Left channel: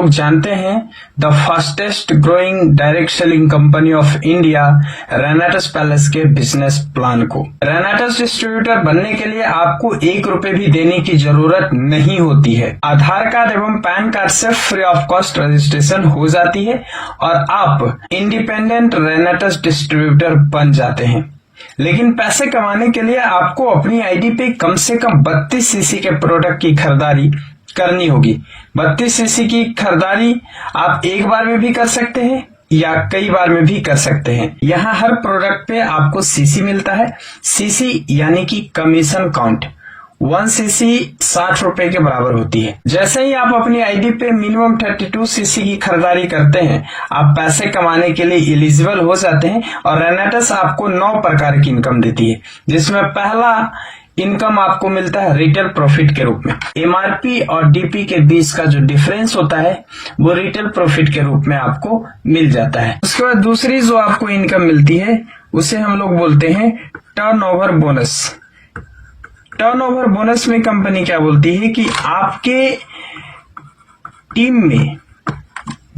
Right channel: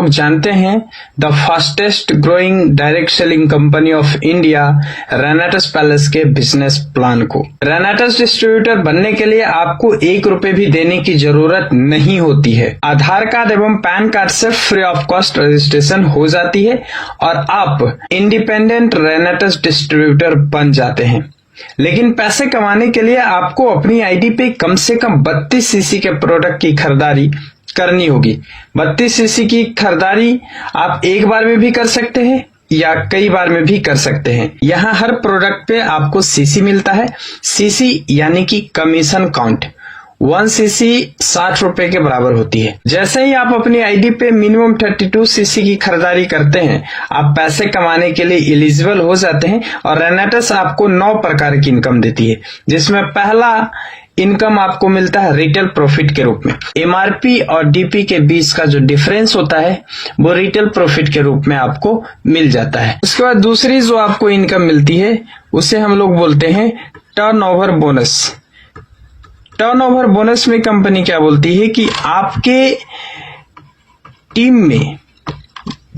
लोग जानते हैं the fastest growing direct selling company of India रेनेटस palace के बिजनेस प्लान को। रेनेटस डिस्ट्रीब्यूटर बनने के लिए आपको 1 रुपए भी देने की जरूरत नहीं होती है। आधार कार्ड एवं पैन कार्ड से फ्री ऑफ कॉस्ट रजिस्ट्रेशन हो जाती है और आप इंडिपेंडेंट रेनेटस डिस्ट्रीब्यूटर बन जाते हैं। लेकिन पैसे कमाने के लिए आपको अपनी आईडी पे कम से कम 32 सीसी के प्रोडक्ट की खरीदारी करनी होगी। 32 सीसी की खरीदारी आप एक बार में भी कर सकते हैं या कई बार में भी कर सकते हैं। यहाँ हर प्रोडक्ट पे आपको सीसी मिलता है। सीसी यानी कि कमीशन काउंट। 1 सीसी 60 रुपए के बराबर होती है। जैसे ही आप अपनी आईडी पे मिनिमम 32 सीसी की खरीदारी करते हैं, आप पैसे कमाने के लिए एलिजिबल हो जाते हैं और रेनेटस आपको 9 प्रकार की इनकम देती है, जिसमें पहला इनकम आपको मिलता है रिटेल प्रॉफिट के रूप में। एमआरपी और डीपी के बीच का जो डिफरेंस होता है वो रिटेल प्रॉफिट के रूप में आपको मिल जाता है। उसके बाद दूसरी जो आपको इनकम मिलती है उसे हम लोग बोलते हैं टर्नओवर बोनस। टर्नओवर बोनस में कंपनी क्या बोलती है कि आपके टीम में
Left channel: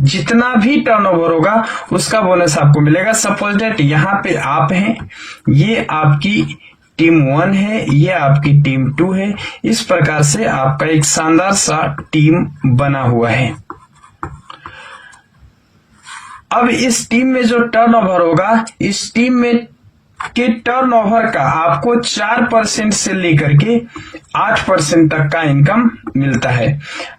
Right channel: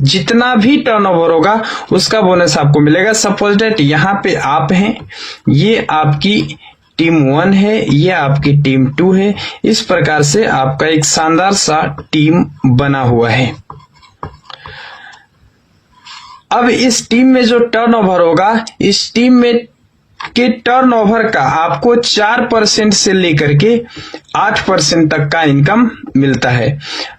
जितना भी टर्नओवर होगा उसका बोनस आपको मिलेगा। सपोज दैट यहाँ पे आप हैं, ये आपकी टीम 1 है, ये आपकी टीम 2 है। इस प्रकार से आपका एक शानदार सा टीम बना हुआ है। अब इस टीम में जो टर्नओवर होगा, इस टीम में के टर्नओवर का आपको 4% से लेकर के 8% तक का इनकम मिलता है।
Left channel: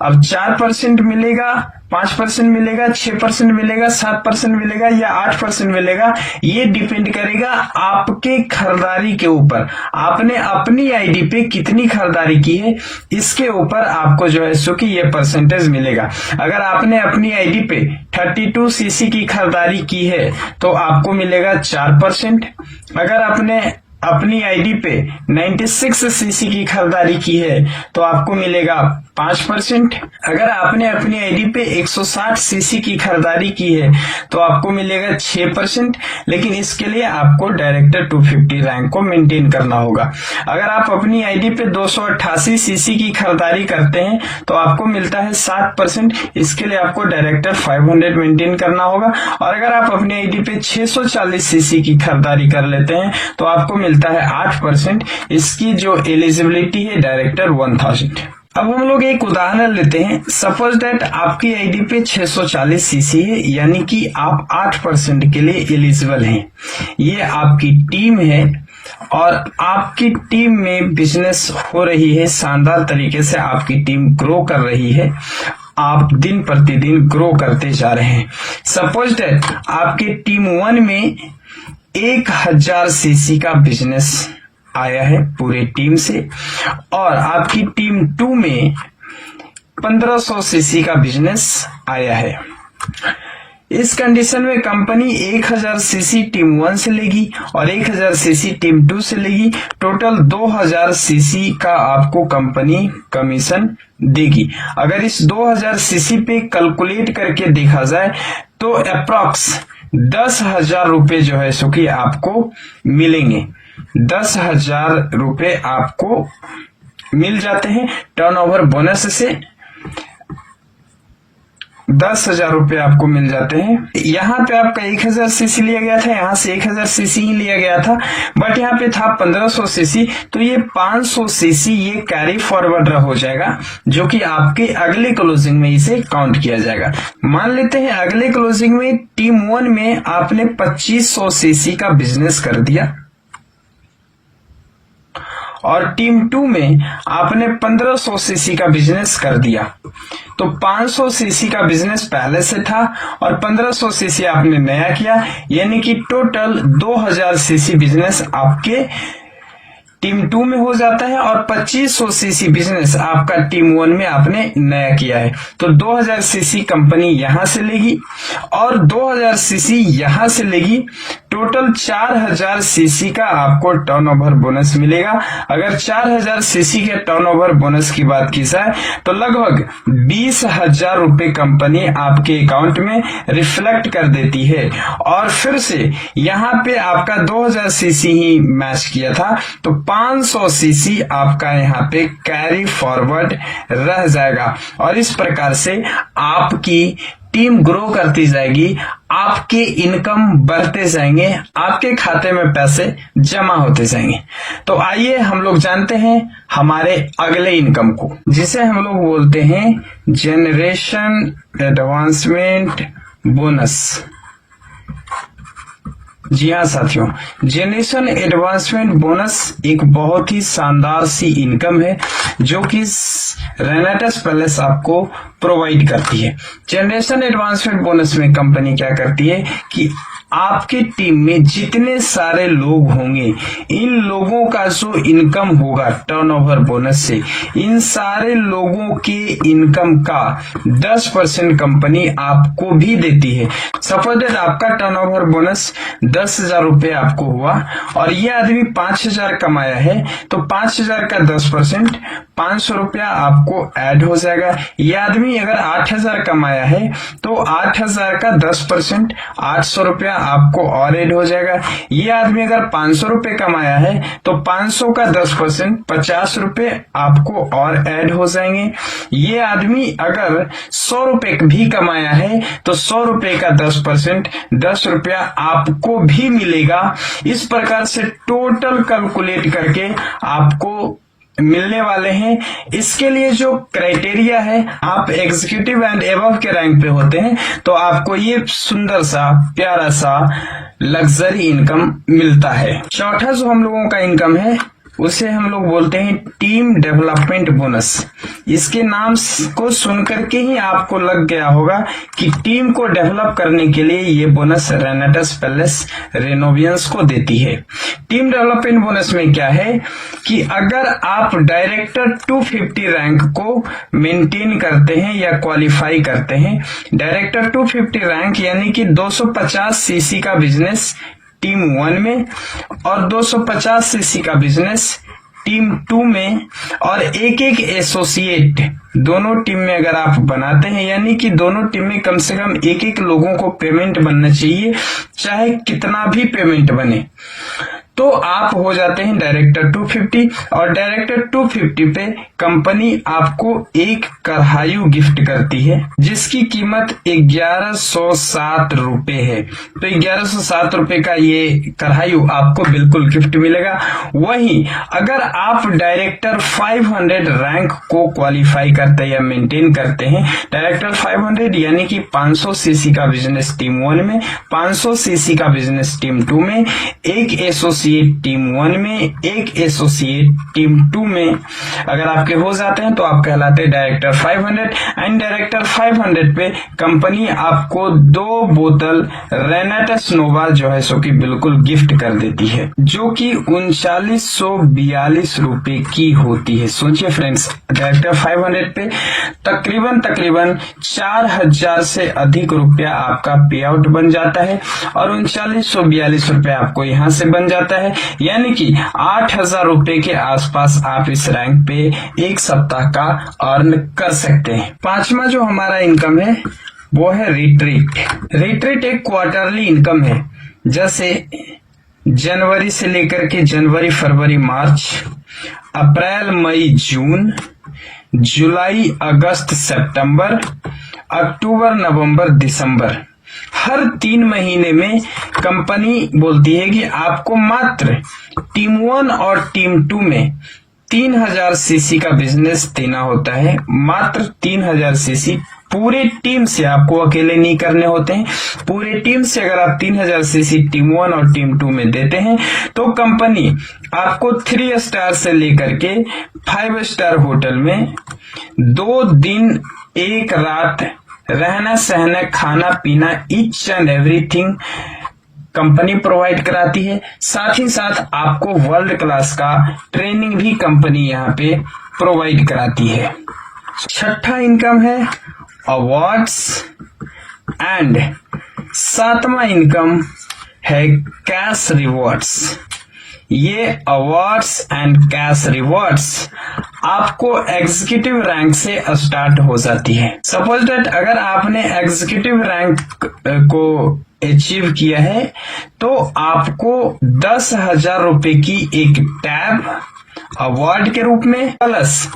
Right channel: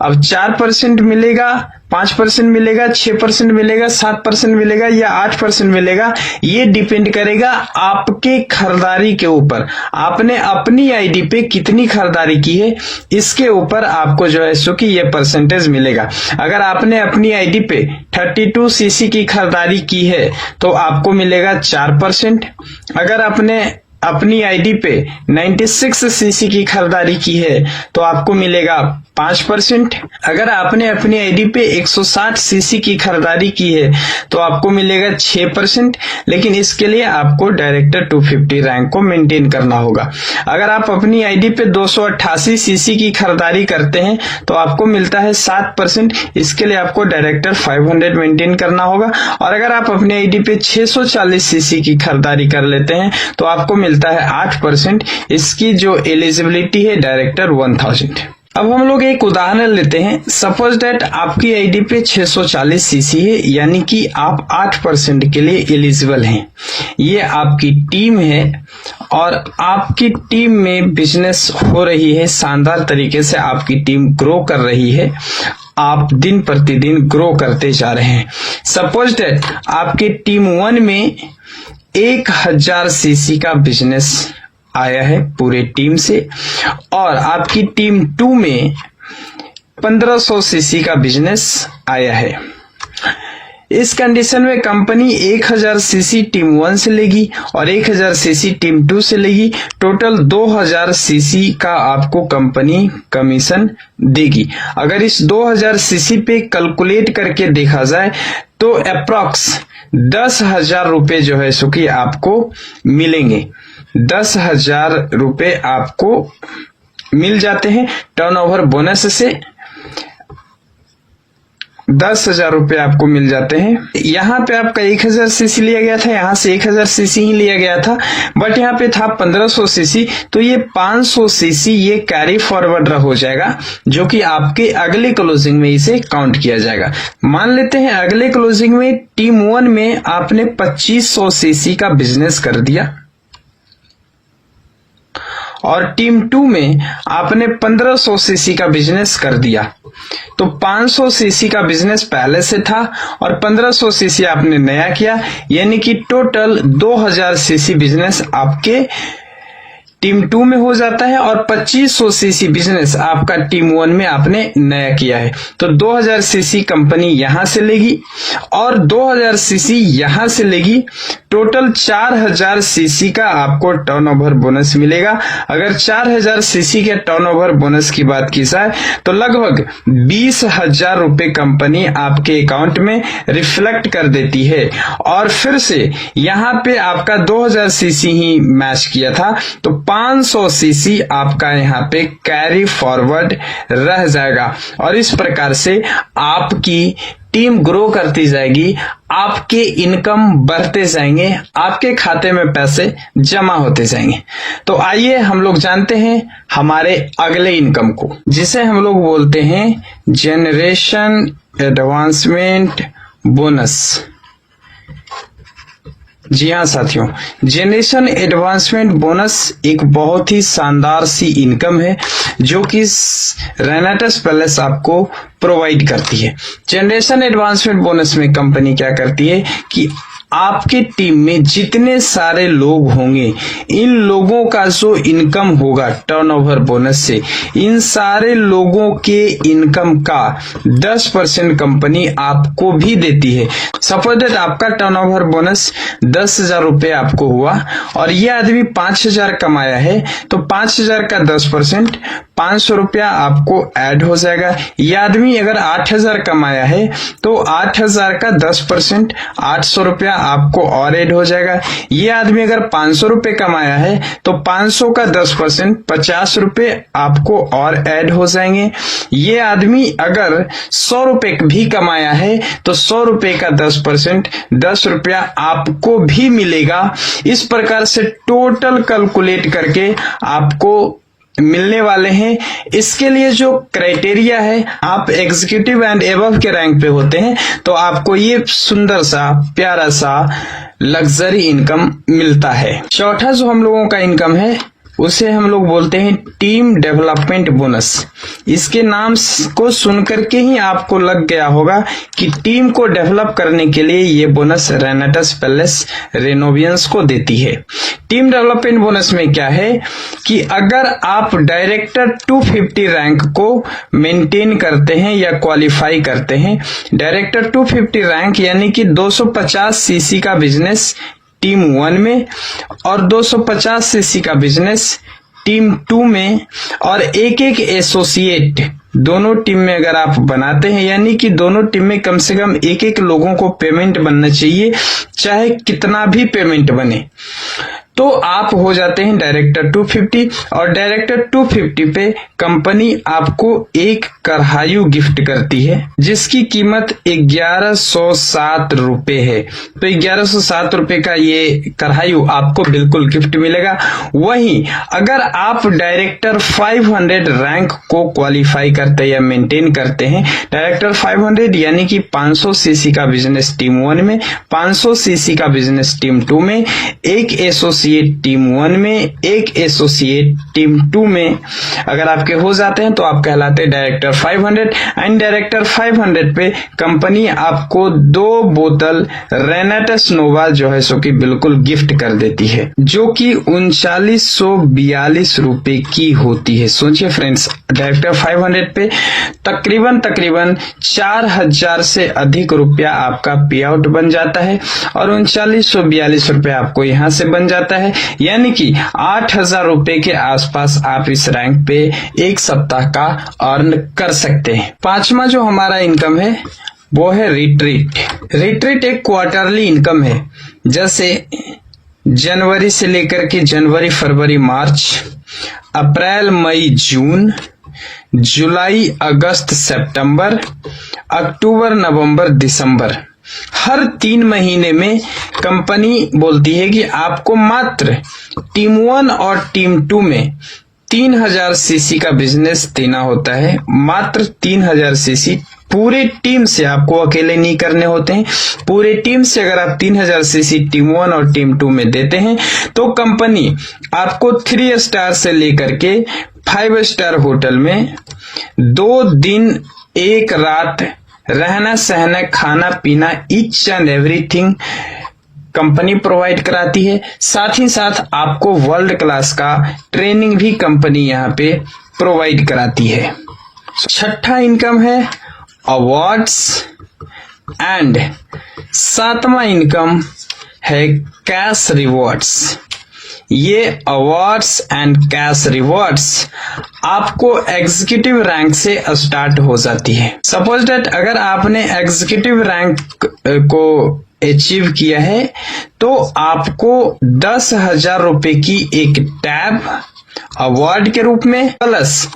अब 4% मिलेगा, 5% मिलेगा, 6% मिलेगा, 7% मिलेगा या 8% मिलेगा, ये डिपेंड करेगा आपके खरीदारी के ऊपर। आपने अपनी आईडी पे कितनी खरीदारी की है, इसके ऊपर आपको जो है सो कि ये परसेंटेज मिलेगा। अगर आपने अपनी आईडी पे 32 सीसी की खरीदारी की है तो आपको मिलेगा 4%। अगर आपने अपनी आईडी पे 96 सीसी की खरीदारी की है तो आपको मिलेगा 5%। अगर आपने अपनी आईडी पे 160 सीसी की खरीदारी की है तो आपको मिलेगा 6%। लेकिन इसके लिए आपको डायरेक्टर 250 रैंक को मेंटेन करना होगा। अगर आप अपनी आईडी पे 288 सीसी की खरीदारी करते हैं तो आपको मिलता है 7%। इसके लिए आपको डायरेक्टर 500 मेंटेन करना होगा। और अगर आप अपनी आईडी पे 640 सीसी की खरीदारी कर लेते हैं तो आपको मिलता है 8%। इसकी जो एलिजिबिलिटी है डायरेक्टर 1000। अब हम लोग एक उदाहरण लेते हैं। सपोज दैट आपकी आईडी पे 640 सीसी है, यानी कि आप 8% के लिए एलिजिबल हैं। ये आपकी टीम है और आपकी टीम में बिजनेस हो रही है, शानदार तरीके से आपकी टीम ग्रो कर रही है। आप दिन प्रतिदिन ग्रो करते जा रहे हैं। सपोज दैट आपकी टीम 1 में 1000 सीसी का बिजनेस आया है पूरे टीम से और आपकी टीम 2 में 1500 सीसी का बिजनेस आया है। इस कंडीशन में कंपनी 1000 सीसी टीम 1 से लेगी और 1000 सीसी टीम 2 से लेगी। टोटल 2000 सीसी का आपको कंपनी कमीशन देगी। अगर इस 2000 सीसी पे कैलकुलेट करके देखा जाए तो अप्रॉक्स 10,000 रुपए जो है सो कि आपको मिलेंगे। 10,000 रुपए आपको मिल जाते हैं टर्नओवर बोनस से। 10,000 रुपए आपको मिल जाते हैं। यहाँ पे आपका 1000 सीसी लिया गया था, यहाँ से 1000 सीसी ही लिया गया था, बट यहाँ पे था 1500 सीसी, तो ये 500 सीसी ये कैरी फॉरवर्ड हो जाएगा, जो कि आपके अगले क्लोजिंग में इसे काउंट किया जाएगा। मान लेते हैं अगले क्लोजिंग में टीम 1 में आपने 2500 सीसी का बिजनेस कर दिया और टीम 2 में आपने 1500 सीसी का बिजनेस कर दिया। तो 500 सीसी का बिजनेस पहले से था और 1500 सीसी आपने नया किया, यानी कि टोटल 2000 सीसी बिजनेस आपके टीम 2 में हो जाता है और 2500 सीसी बिजनेस आपका टीम 1 में आपने नया किया है। तो 2000 सीसी कंपनी यहां से लेगी और 2000 सीसी यहां से लेगी। टोटल 4000 सीसी का आपको टर्नओवर बोनस मिलेगा। अगर 4000 सीसी के टर्नओवर बोनस की बात की जाए तो लगभग 20,000 रुपए कंपनी आपके अकाउंट में रिफ्लेक्ट कर देती है। और फिर से यहाँ पे आपका 2000 सीसी ही मैच किया था तो 500 सीसी आपका यहाँ पे कैरी फॉरवर्ड रह जाएगा और इस प्रकार से आपकी टीम ग्रो करती जाएगी, आपके इनकम बढ़ते जाएंगे, आपके खाते में पैसे जमा होते जाएंगे। तो आइए हम लोग जानते हैं हमारे अगले इनकम को, जिसे हम लोग बोलते हैं जनरेशन एडवांसमेंट बोनस। जी हाँ साथियों, जनरेशन एडवांसमेंट बोनस एक बहुत ही शानदार सी इनकम है जो कि रेनेटस पैलेस आपको प्रोवाइड करती है। जनरेशन एडवांसमेंट बोनस में कंपनी क्या करती है कि आपकी टीम में जितने सारे लोग होंगे, इन लोगों का जो इनकम होगा टर्नओवर बोनस से, इन सारे लोगों के इनकम का 10% कंपनी आपको भी देती है। सपोज दैट आपका टर्नओवर बोनस 10,000 रुपए आपको हुआ और ये आदमी 5,000 कमाया है, तो 5,000 का 10% 500 रुपया आपको ऐड हो जाएगा। ये आदमी अगर 8,000 कमाया है तो 8,000 का 10% 800 रुपया आपको और ऐड हो जाएगा। ये आदमी अगर 500 रुपए कमाया है तो 500 का 10% 50 रुपए आपको और ऐड हो जाएंगे। ये आदमी अगर 100 रुपए भी कमाया है तो 100 रुपए का 10% 10 रुपया आपको भी मिलेगा। इस प्रकार से टोटल कैलकुलेट करके आपको मिलने वाले हैं। इसके लिए जो क्राइटेरिया है, आप एग्जीक्यूटिव एंड एबव के रैंक पे होते हैं तो आपको ये सुंदर सा प्यारा सा लग्जरी इनकम मिलता है। चौथा जो हम लोगों का इनकम है उसे हम लोग बोलते हैं टीम डेवलपमेंट बोनस। इसके नाम को सुनकर के ही आपको लग गया होगा कि टीम को डेवलप करने के लिए ये बोनस रेनेटस पैलेस रेनोवियंस को देती है। टीम डेवलपमेंट बोनस में क्या है कि अगर आप डायरेक्टर 250 रैंक को मेंटेन करते हैं या क्वालिफाई करते हैं, डायरेक्टर 250 रैंक यानी कि 250 सीसी का बिजनेस टीम 1 में और 250 सीसी का बिजनेस टीम 2 में और एक एसोसिएट दोनों टीम में अगर आप बनाते हैं, यानी कि दोनों टीम में कम से कम एक लोगों को पेमेंट बनना चाहिए, चाहे कितना भी पेमेंट बने, तो आप हो जाते हैं डायरेक्टर 250। और डायरेक्टर 250 पे कंपनी आपको एक कढ़ायु गिफ्ट करती है जिसकी कीमत 1107 रुपए है। तो 1107 रुपए का ये कढ़ायु आपको बिल्कुल गिफ्ट मिलेगा। वहीं अगर आप डायरेक्टर 500 रैंक को क्वालिफाई करते या मेंटेन करते हैं, डायरेक्टर 500 यानी कि 500 सीसी का बिजनेस टीम 1 में, 500 सीसी का बिजनेस टीम 2 में, एक एसोसिएट टीम 1 में, एक एसोसिएट टीम 2 में अगर आपके हो जाते हैं तो आप कहलाते हैं डायरेक्टर 500। एंड डायरेक्टर 500 पे कंपनी आपको 2 बोतल रेनेटस नोवा जो है सो कि बिल्कुल गिफ्ट कर देती है, जो कि 3942 रुपए की होती है। सोचिए फ्रेंड्स, डायरेक्टर 500 पे तकरीबन 4,000 से अधिक रुपया आपका पे आउट बन जाता है और 3942 रुपए आपको यहां से बन जाता है, यानी कि 8,000 रुपए के आसपास आप इस रैंक पे एक सप्ताह का अर्न कर सकते हैं। पांचवा जो हमारा इनकम है वो है रिट्रीट। रिट्रीट एक क्वार्टरली इनकम है, जैसे जनवरी से लेकर के जनवरी, फरवरी, मार्च, अप्रैल, मई, जून, जुलाई, अगस्त, सितंबर, अक्टूबर, नवंबर, दिसंबर, हर 3 महीने में कंपनी बोलती है कि आपको मात्र टीम 1 और टीम 2 में 3,000 सीसी का बिजनेस देना होता है। मात्र 3,000 सीसी पूरे टीम से, आपको अकेले नहीं करने होते हैं, पूरे टीम से अगर आप 3,000 सीसी टीम 1 और टीम 2 में देते हैं तो कंपनी आपको 3 स्टार से लेकर के 5 स्टार होटल में 2 दिन 1 रात रहना सहना खाना पीना each and everything company provide कराती है। साथ ही साथ आपको वर्ल्ड क्लास का ट्रेनिंग भी कंपनी यहाँ पे प्रोवाइड कराती है। छठा इनकम है अवार्ड्स एंड सातवां इनकम है कैश रिवॉर्ड्स। ये अवार्ड्स एंड कैश रिवॉर्ड्स आपको एग्जीक्यूटिव रैंक से स्टार्ट हो जाती है। सपोज दैट अगर आपने एग्जीक्यूटिव रैंक को अचीव किया है तो आपको 10,000 रुपए की एक टैब अवार्ड के रूप में प्लस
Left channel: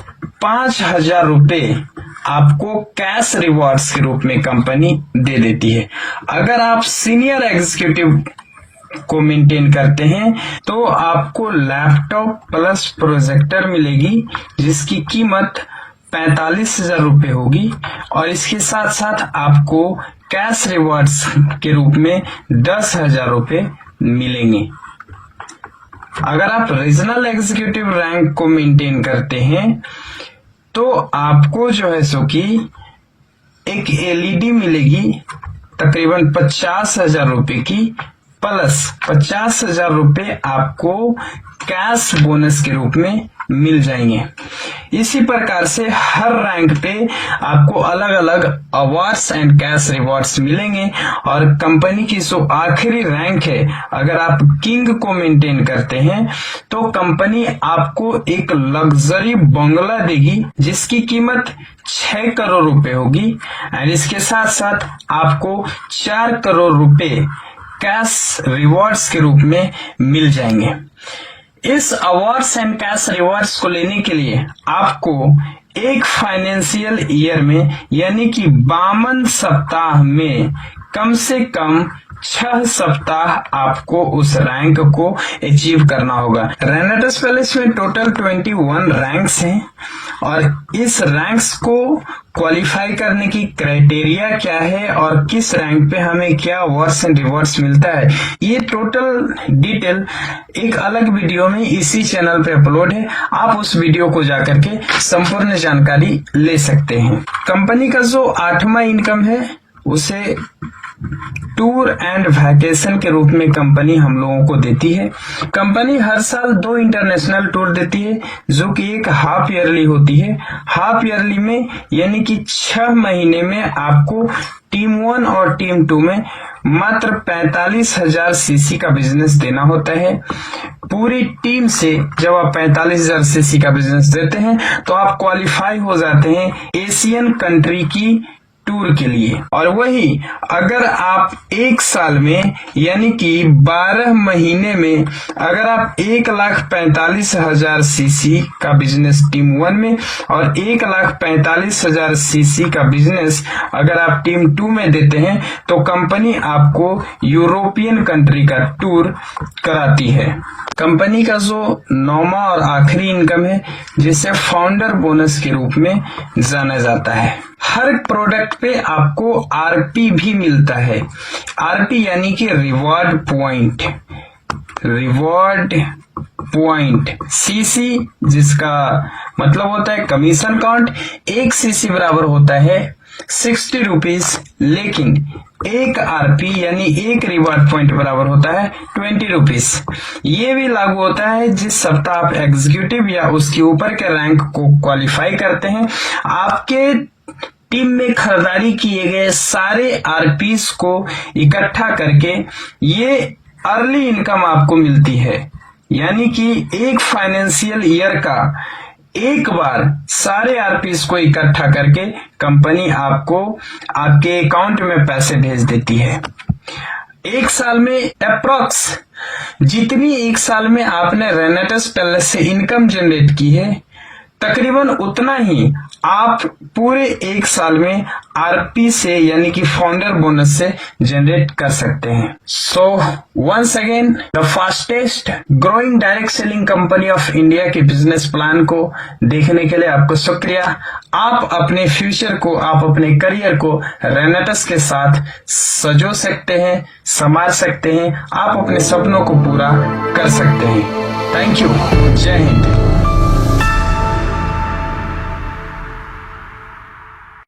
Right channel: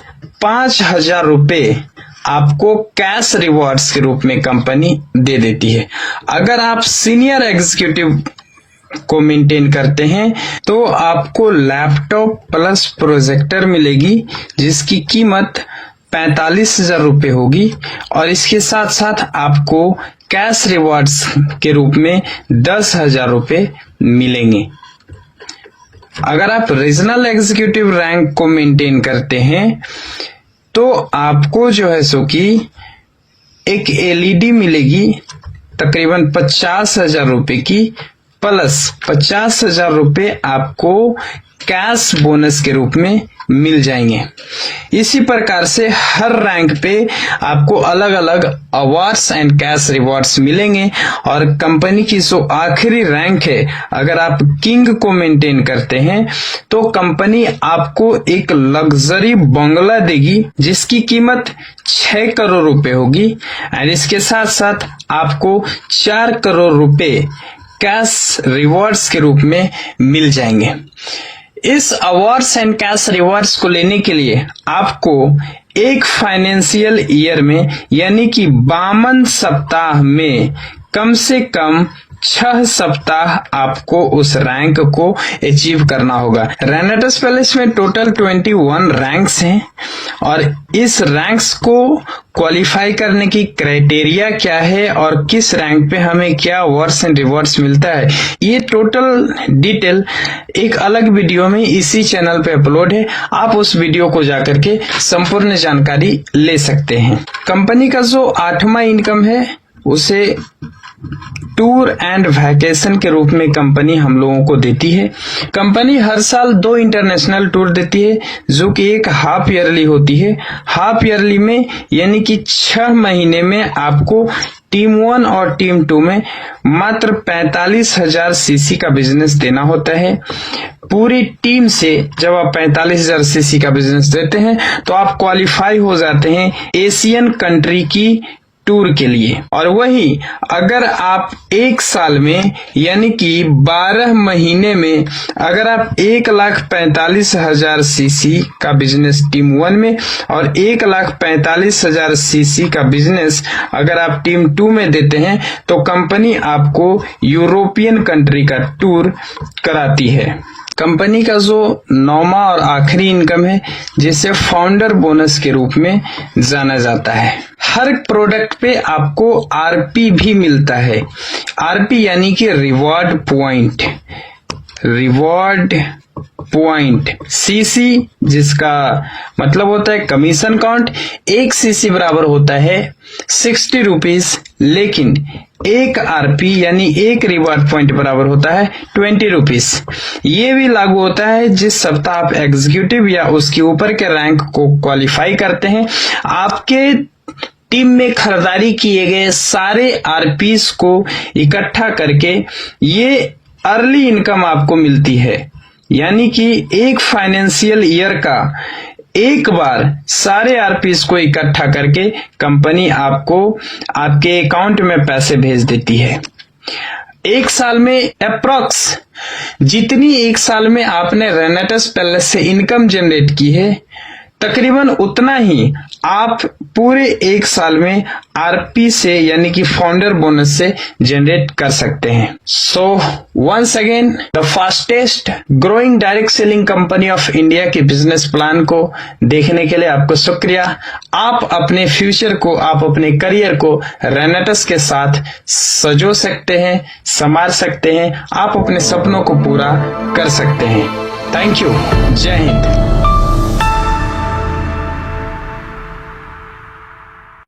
5,000 रुपए आपको कैश रिवॉर्ड्स के रूप में कंपनी दे देती है। अगर आप सीनियर एग्जीक्यूटिव को मेंटेन करते हैं तो आपको लैपटॉप प्लस प्रोजेक्टर मिलेगी जिसकी कीमत 45,000 रुपए होगी और इसके साथ साथ आपको कैश रिवॉर्ड्स के रूप में 10,000 रुपए मिलेंगे। अगर आप रीजनल एग्जीक्यूटिव रैंक को मेंटेन करते हैं तो आपको जो है सो कि एक एलईडी मिलेगी तकरीबन 50,000 रुपए की प्लस 50,000 रुपए आपको कैश बोनस के रूप में मिल जाएंगे। इसी प्रकार से हर रैंक पे आपको अलग अलग अवार्ड्स एंड कैश रिवॉर्ड्स मिलेंगे और कंपनी की जो आखिरी रैंक है, अगर आप किंग को मेंटेन करते हैं तो कंपनी आपको एक लग्जरी बंगला देगी जिसकी कीमत 6 करोड़ रुपए होगी एंड इसके साथ साथ आपको 4 करोड़ रुपए कैश रिवॉर्ड्स के रूप में मिल जाएंगे। इस अवार्ड्स एंड कैश रिवॉर्ड्स को लेने के लिए आपको एक फाइनेंशियल ईयर में यानी कि 52 सप्ताह में कम से कम 6 सप्ताह आपको उस रैंक को अचीव करना होगा। रेनेटस पैलेस में टोटल 21 रैंक्स हैं और इस रैंक्स को क्वालिफाई करने की क्राइटेरिया क्या है और किस रैंक पे हमें क्या अवार्ड्स एंड रिवॉर्ड्स मिलता है, ये टोटल डिटेल एक अलग वीडियो में इसी चैनल पे अपलोड है। आप उस वीडियो को जाकर के संपूर्ण जानकारी ले सकते हैं। कंपनी का जो 8वां इनकम है उसे टूर एंड वैकेशन के रूप में कंपनी हम लोगों को देती है। कंपनी हर साल 2 इंटरनेशनल टूर देती है जो कि एक हाफ ईयरली होती है। हाफ ईयरली में यानी कि 6 महीने में आपको टीम 1 और टीम 2 में मात्र 45,000 सीसी का बिजनेस देना होता है। पूरी टीम से जब आप 45,000 सीसी का बिजनेस देते हैं तो आप क्वालिफाई हो जाते हैं एशियन कंट्री की टूर के लिए। और वही अगर आप एक साल में यानी कि 12 महीने में अगर आप 1,45,000 सीसी का बिजनेस टीम 1 में और 1,45,000 सीसी का बिजनेस अगर आप टीम 2 में देते हैं तो कंपनी आपको यूरोपियन कंट्री का टूर कराती है। कंपनी का जो 9वां और आखिरी इनकम है जिसे फाउंडर बोनस के रूप में जाना जाता है। हर प्रोडक्ट पे आपको आरपी भी मिलता है। आरपी यानी कि reward point. Reward point CC जिसका मतलब होता है कमीशन काउंट। 1 सीसी बराबर होता है 60 रुपीज, लेकिन 1 आरपी यानी 1 रिवॉर्ड पॉइंट बराबर होता है 20 रुपीज। ये भी लागू होता है जिस सप्ताह आप एग्जीक्यूटिव या उसके ऊपर के रैंक को क्वालिफाई करते हैं। आपके टीम में खरीदारी किए गए सारे आरपीस को इकट्ठा करके ये अर्ली इनकम आपको मिलती है, यानी कि एक फाइनेंशियल ईयर का एक बार सारे आरपीस को इकट्ठा करके कंपनी आपको आपके अकाउंट में पैसे भेज देती है। एक साल में अप्रॉक्स जितनी एक साल में आपने रेनेटस पैलेस से इनकम जनरेट की है तकरीबन उतना ही आप पूरे एक साल में आरपी से यानी कि फाउंडर बोनस से जनरेट कर सकते हैं। So once again the fastest growing direct selling company of India के बिजनेस प्लान को देखने के लिए आपको शुक्रिया। आप अपने फ्यूचर को, आप अपने करियर को रेनेटस के साथ सजो सकते हैं, संवार सकते हैं, आप अपने सपनों को पूरा कर सकते हैं। Thank you. जय हिंद।